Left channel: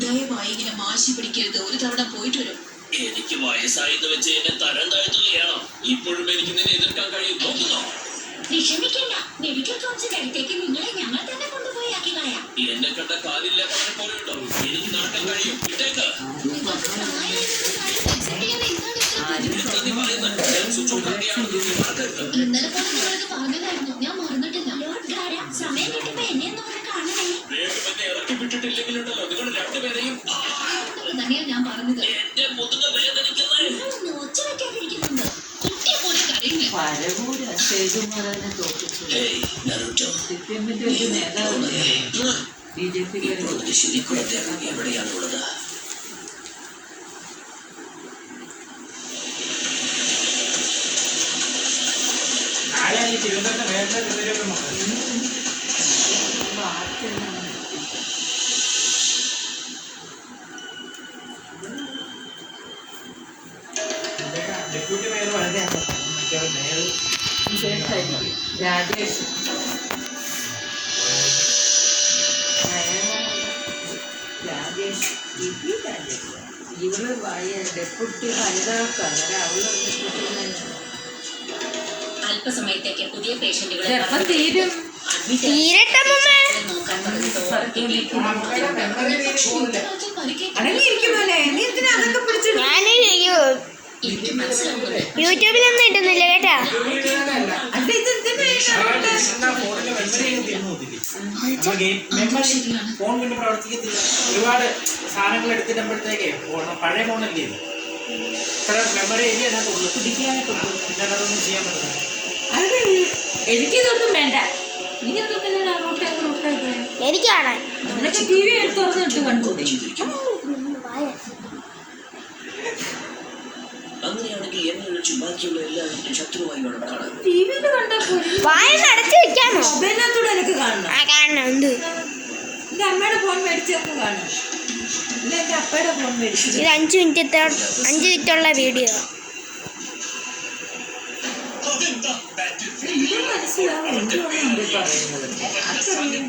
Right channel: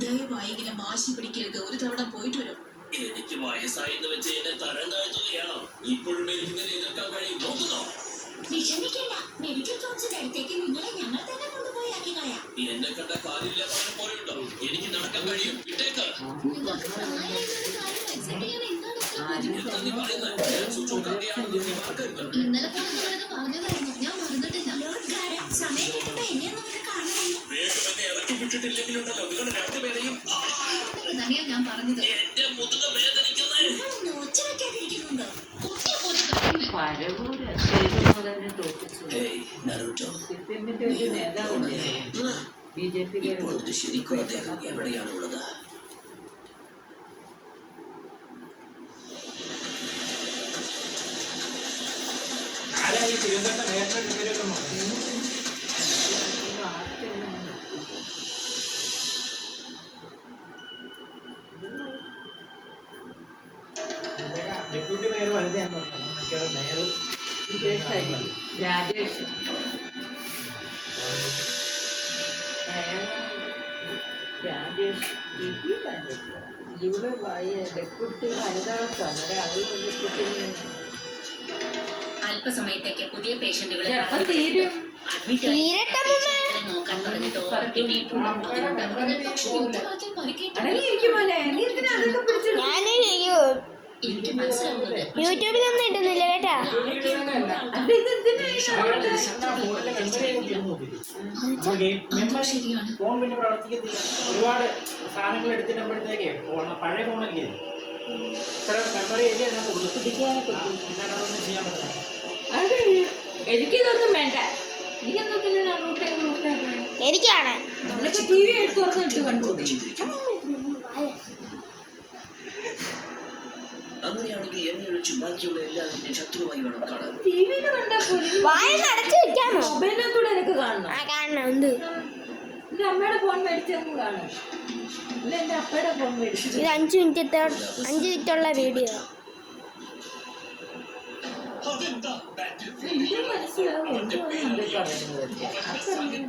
ദയവായി ഇങ്ങനെ വാശി പിടിക്കരുത്. ഒരു തവണ പോയിട്ട് വരും. എനിക്ക് വയസ്സായെന്ന് വെച്ച് എന്നെ തരം താഴ്ത്തുകയാണോ? ഇപ്പോഴും എനിക്ക് നിന്നെ എതിർക്കാൻ കഴിയും. നോക്കുന്നോ? വിഷമിക്കണ്ട, മെഡിക്കൽ കൗൺസിൽ അടുത്തേക്ക് നിങ്ങളെ ഞങ്ങൾ തന്നെ കൊണ്ടുപോയി ആക്കി കളയാം. എന്നെ കണ്ട കാലില്ല പോലെയുണ്ടോ? എനിക്ക് നടക്കാൻ കഴിയും. ഇട്ടേക്ക്. ഇന്നലെ നിങ്ങൾക്ക് പറഞ്ഞതായിരുന്നു, ഞാൻ മറന്നിട്ടില്ല. സമയം കിട്ടുമ്പോ എന്നെ ഒന്ന് കാണണേ. വേഗമെന്നെ ഇറക്കി വിട്ടിട്ടില്ലെങ്കിലുണ്ടല്ലോ നിങ്ങൾ രണ്ടുപേരെയും തന്നെയാ ഞാൻ പറഞ്ഞത്. എന്റെ മുതുക വേദനിക്കുന്നത് ഒച്ച വെക്കാതിരിക്കുന്നുണ്ട്. കുട്ടിയെ പോലെ സിപിഎമ്മിന്റെ ഒരു നേതാവില്ലേ ബിജെപിക്കാരെ എവിടെയാണുള്ളത്? രാജേഷ് ഇവള് ഡെപ്യൂട്ടി ഹരിദാസാണ്. അവള് ഡെപ്യൂട്ടി അല്പസമയത്തേക്ക് പുതിയ പേഷ്യന്റുകളെ തീരും. അടങ്ങിയിരിക്കുമല്ലേ? നീ എന്തിനാ അതൊക്കെ പിടിച്ചു? യൂട്യൂബിലൊന്നും ഇടുന്നില്ല കേട്ടാ. ഫോൺ കൊണ്ട് പ്രവർത്തിക്കത്തില്ല. ഒരുപാട് സാധനങ്ങൾ എടുത്തിട്ടുമ്പോഴത്തേക്ക് പഴയ ഫോണല്ലേ ഇത്ര മെമ്മറി അല്ലേ അതിനകത്തുള്ളൂ. അതൊന്നും ചെയ്യാൻ പറ്റില്ല. എനിക്കിതൊന്നും വേണ്ട. എനിക്കാണ് ടി വി തുറന്നിട്ട് കണ്ടുകൂടെ? അങ്ങനെയാണെങ്കിൽ എന്നെ ചുമ്മാക്കിയുള്ള എല്ലാവരും ശത്രുവായി വേണം കാണാൻ. ടിവിയിൽ കണ്ടാൽ മൊബൈലിനകത്തൂടെ എനിക്ക് കാണണം. എന്റെ അമ്മയുടെ ഫോൺ മേടിച്ചൊന്ന് കാണും. ഇല്ല എന്റെ അപ്പയുടെ ഫോൺ മേടിച്ചു. ഇത് 5 മിനിറ്റുള്ള വീഡിയോ. മനസ്സിലാവും എന്തുകൊണ്ട് പറയുന്നതൊക്കെ. ആർക്കറിയാം.